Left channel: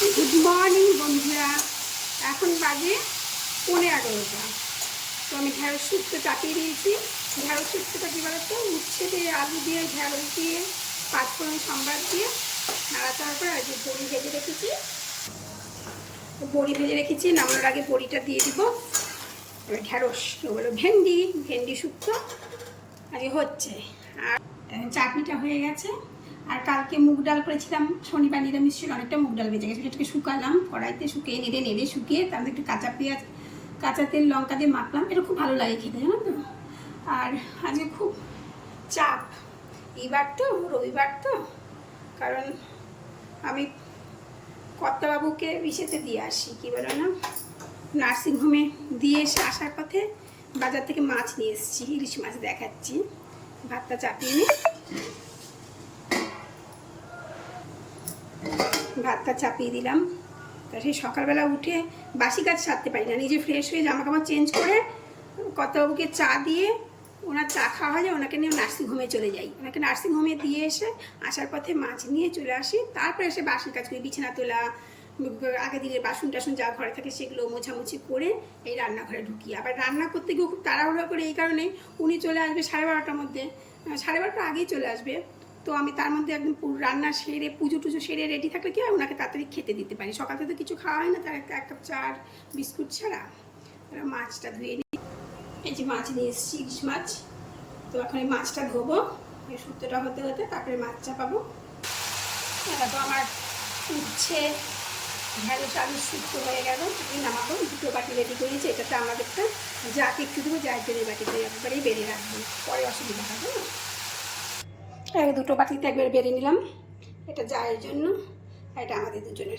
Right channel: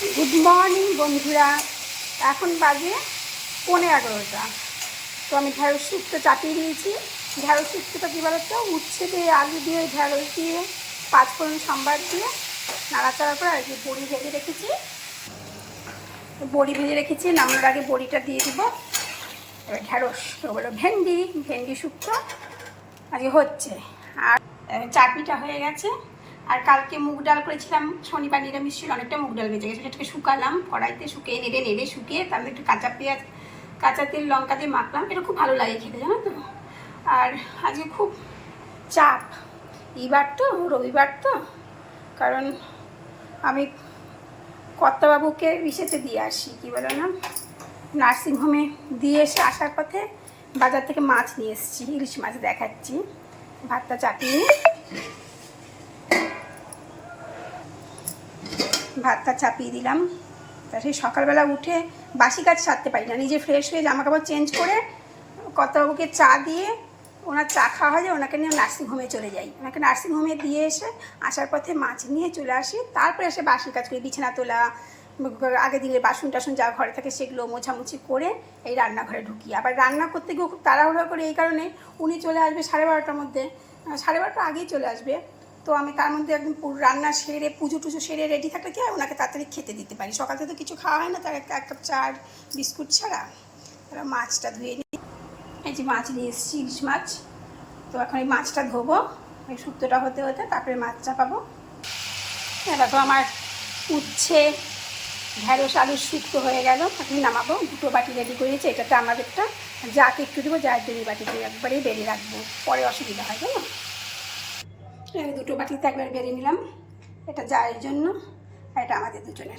Good morning বন্ধুরা। এখন বাজে পনেরো এগারোটা। তো আমি ঢেঁড়স শুক্তো চাপিয়ে দিয়েছি। ঢেঁড়স শুক্তোটা কী বলতো? উচ্ছে দিয়ে আলু দিয়ে ঢেঁড়স দিয়ে, পাঁচফোড়ন সম্বার দিয়ে নাড়াচাড়া করে আর বড়ি ভেজে রেখেছি। বড়ি ভেজে রেখেছি, নামানোর আগে বড়িটা দিয়ে দিব। এবার ঢেঁড়স, ওগুলো ভেন্ডি ভেন্ডি শুক্তো। আজকে হচ্ছে। আর চাটনিটা হয়ে গেছে। আর কালকে মুগ ডাল করেছিলাম, শনিবার নিরামিষ ছিল, অনেকটা মুগ ডাল বেঁচে গেছে। সেটাকে শুকালাম, কড়াইতে শুকিয়ে নেড়ে নেড়ে শুকিয়ে তার একটু কাঁচা পেঁয়াজ, কাঁচা তেল, লঙ্কা দিয়ে মাখলাম। এটা খুব ভালো লাগে খেতে, জানো তো? আর আজকে খুব চাপ। এইবার তো, রবিবার তো। কারণ আমি কর্তাবাবুকে ইসেতে দিয়ে আসি, কী বলো না? নার্সিংহোমে দিয়ে এসে আসার পথে বাজার থেকে মাছ নিয়ে এসেছি, ইলিশ মাছ দেখাচ্ছি। ভাতটা চাপিয়ে ভাতটা চাপিয়ে দিলাম। তা সেই সকালবেলা উঠে বাসি কাজ সারতে পারি না। নিজে ফ্রেশ হয়ে জামা কাপড় চেঞ্জ করে কর্তাবাবুকে চা দিয়ে ওনার চা খাওয়া হয় যে ওনাকে নিয়ে নার্সিংহোমে চলে যাই। ওনাকে নার্সিংহোমে দিয়ে এসে আসার পথে মাছ নিয়ে চলে আসি। তারপরে এসে বাসি কাজ করি, বিছানা তোলা, আগের দিনের বাসন টাসন যা ঘরে থাকে সেগুলো মোছামুছি করে এই রান্নাঘরে ঢুকি। আবার রান্না করতে গিয়েও খুব তাড়াহুড়ো করে এই কারণে উনি চলে আসবে সাড়ে বারোটার মধ্যে। সাড়ে বারোটার আগেই চলে আসবে। তো আমি তার মধ্যে একদম রান্না সেরে, পুজো টুজো সেরে রেডি থাকলে কি হয়, ওনাকে তাড়াতাড়ি খেতে দিতে পারি। সকালে তো কিছু খাওয়া হয় না, তার একটা এক কাপ চা বিস্কুট ছাড়া। তারা মাছটা ধুয়ে নিই। এই যে মাছ নিয়ে এসেছি, ইলিশ মাছ। তো এখন এই মাছটা ধোবো, এই শুক্তোটা হতে হতে তারপরে মাছ চাপাবো। দেখো আমার উচ্ছে, ঢ্যাঁড়স, আলুর শুক্তো হয়ে গেল। আপনি নামাবো, দুটো বাটি রেডি করেছি, এটাতে আমাদেরটা যাকে একটু দেবো, যার জন্য বাটিতে একবারেই বেড়ে রাখব। পরে অসুবিধা হয়, জানো? এই দুটো বাটিতে একবার বেড়ে নিলাম। এটা যার জন্য এটা আমাদের দুজনের।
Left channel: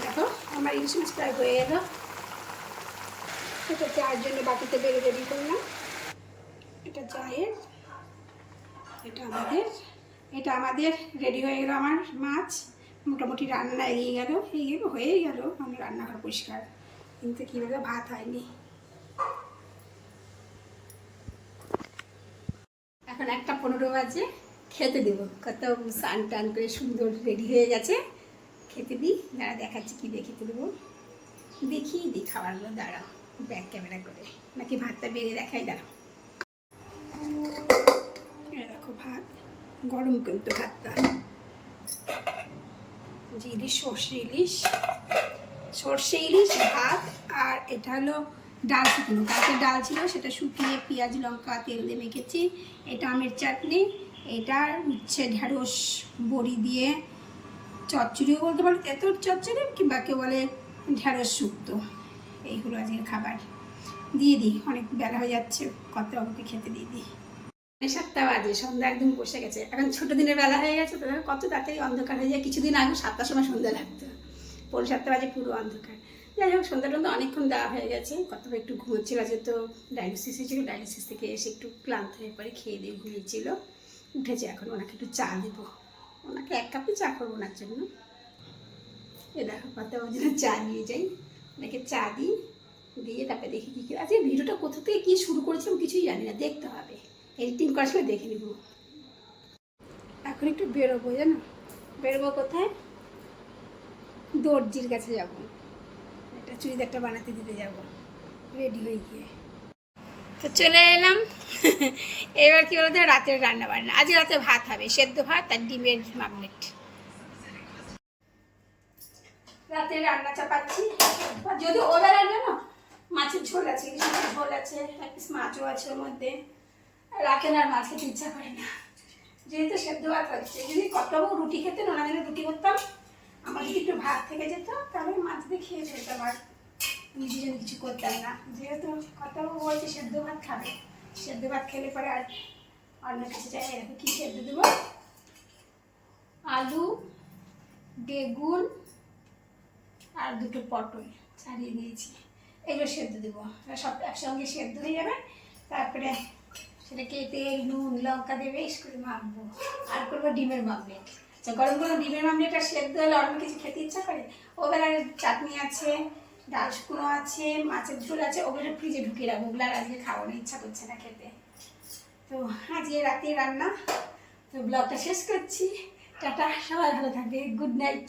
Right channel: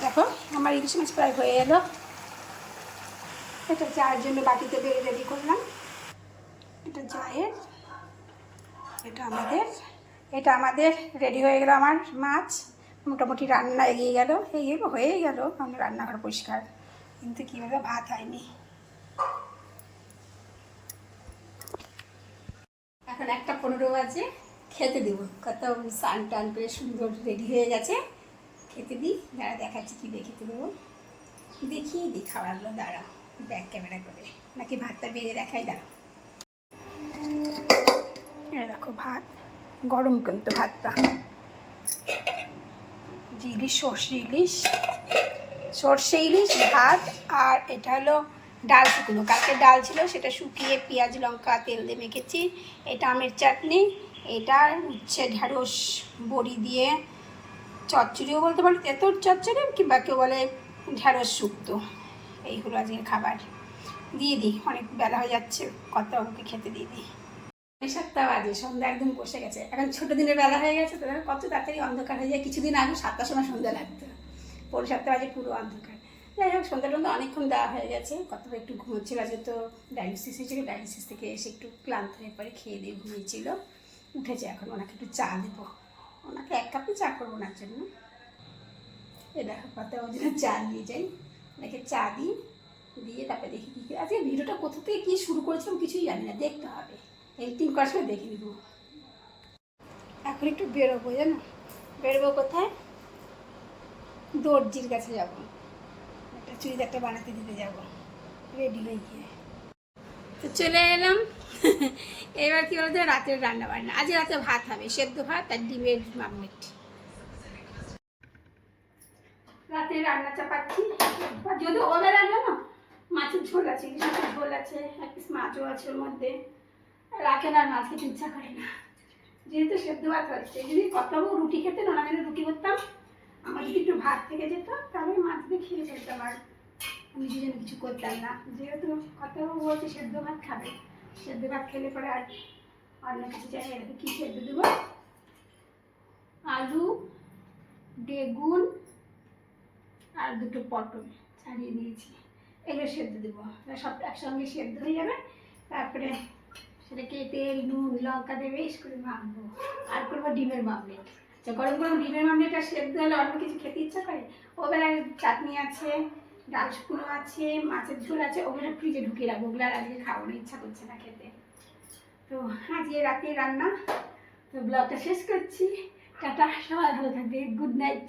দেখো, আমার ইলিশ মাছ প্রায় হয়ে এলো। এটা চায়ের জন্য বাটিতে বেড়ে রেডি করলাম। এটা চায়ের এটা আমাদের এটা আমাদের রেডি হয়ে গেল আমার মাছ। মোটামুটি রান্না এগিয়ে গেল এগিয়ে হয়েই গেল। আমার রান্নাঘর পরিষ্কার। কিন্তু কী বলব, ভাত হয়নি। এখন একটা পনেরো বাজে, খেতে দেবো। কত স্নান টান করে সুন্দর রেডি হয়ে গেছে। খেতে দিই, দাঁড়া দেখাচ্ছি কী দিয়ে খেতে দেবো। দেখিয়ে দিই খাবারগুলো, দাঁড়া ব্যাক ক্যামেরা করে। নাকি ভাতটা বেড়ে দেখাই, দাঁড়া। দেখো ভাত, গরম কিন্তু ভাতটা। ইলিশ, সর্ষে ইলিশ সর্ষে ইলিশ, ভাত, আর এটা হলো ডাল শুকনো। কালকে ডাল ছিল, সেটা শুকিয়ে পেঁয়াজ, লঙ্কা, তেল দিয়ে মেখেছি। এটা আমের চাটনি, এটা উচ্ছে ঢ্যাঁড়স বড়ি দিয়ে চচ্চড়িও বলতে পারো এত চচ্চড়ি কিংবা কেউ বলে ঢ্যাঁড়স শুক্তো। এই হলো আজকের খাবার। দিয়ে দিই, অনেক বেলা হয়ে যাচ্ছে, কত আমাকে খেতে দিয়ে দিই। সাতটা বাজে, সন্ধ্যা একদম বসে গেছে। এখন ছোটো দিনের বেলা হয়ে গেছে, তো কত তাড়াতাড়ি অন্ধকার হয়ে যায়। কিছুদিন আগে সাতটার সময় সন্ধ্যা লাগতো। পৌনে সাতটা বাজে পুরো অন্ধকার। যাই হোক সন্ধ্যা টন্ধা অনেকক্ষণ দেওয়া হয়ে গেছে। কত একটু ঘুমোচ্ছিল, আজকে তো ডায়ালিসিস হয়েছিল। ডায়ালিসিস থেকে এসে একটু ক্লান্ত হয়ে পরে খেয়ে দিয়ে ঘুমিয়েছিল। উঠেছে এখন, ওনাকে একটু চা দেবো। ওনাকে এক কাপই চা করব ওনার জন্য। এ দেখো কত ওর জন্য চা নিয়ে যাই। ওনাকে চা দিই, দিয়ে তারপরে দেখি কী আজকে ভিডিওটা কোথা থেকে কী শুরু করেছিলাম কিছুই জানি না, দেখতে হবে। এডিটিং করার সময় দেখে নেব। এখন একটু বেরোবো, জানো? বেরোবো কোথায়? দর্জির কাছে যাব। একটা চুড়িদারটা বানাতে দিতে যাব। রেডি হয়ে গিয়ে। তো চলে এলাম। এবার কি বলতো, রাতের রান্না বান্না আজ রাতে ভাত হবে, সেদ্ধ ভাত আর ডিমের মামলেট রাতে রান্না চাপাচ্ছি। যদি ওবেলা জানো মাছের ঝোল আছে মাছের ঝোল আছে, এক পিস মাছও আছে ওর মধ্যে। রাখেন আর মাছ খেতে ইচ্ছা করে না। যেহেতু সেদ্ধ ভাত হচ্ছে, যদি কতবাবু রুটি খেতেন জন্য রুটি করতাম। আমার যদি একটু ভাত থেকে যেত তাহলে খেয়ে ফেলতাম আর নিজের জন্য কিছু করতাম না। যেহেতু কতবাবু বলছে সেদ্ধ ভাত খাবে। সেদ্ধ ভাত খেলে পরে আর অন্য কিছু চাই এরকম কী সেদ্ধ দেবো? আলু, বেগুন আর দুটো পটল ছাড়িয়ে দিয়েছি। এগুলো সেদ্ধ দেবো। সব একসঙ্গে সেদ্ধ হয়ে যাবে। তারপরে সেটাকে তেল, নুন, লঙ্কা দেবে করে মাখবো। আর করব ডিমের মামলেট গরম গরম ডিমের মামলেটটা সেদ্ধ হলে অন্য কিছু খেতে ইচ্ছা করে? ওবেলায় চাটনি আছে, ডাল শুকনো আছে, মাছের ঝোল আছে, ওগুলো ফ্রিজে ঢুকিয়ে রাখব। ওগুলো আর আজকে খাওয়ানোর ইচ্ছা করছে না খেতে। তো আজকে রাতে রান্না। তো ব্লগটা শেষ করছি। টাটা, সবাই ভালো থাকবে। Good night.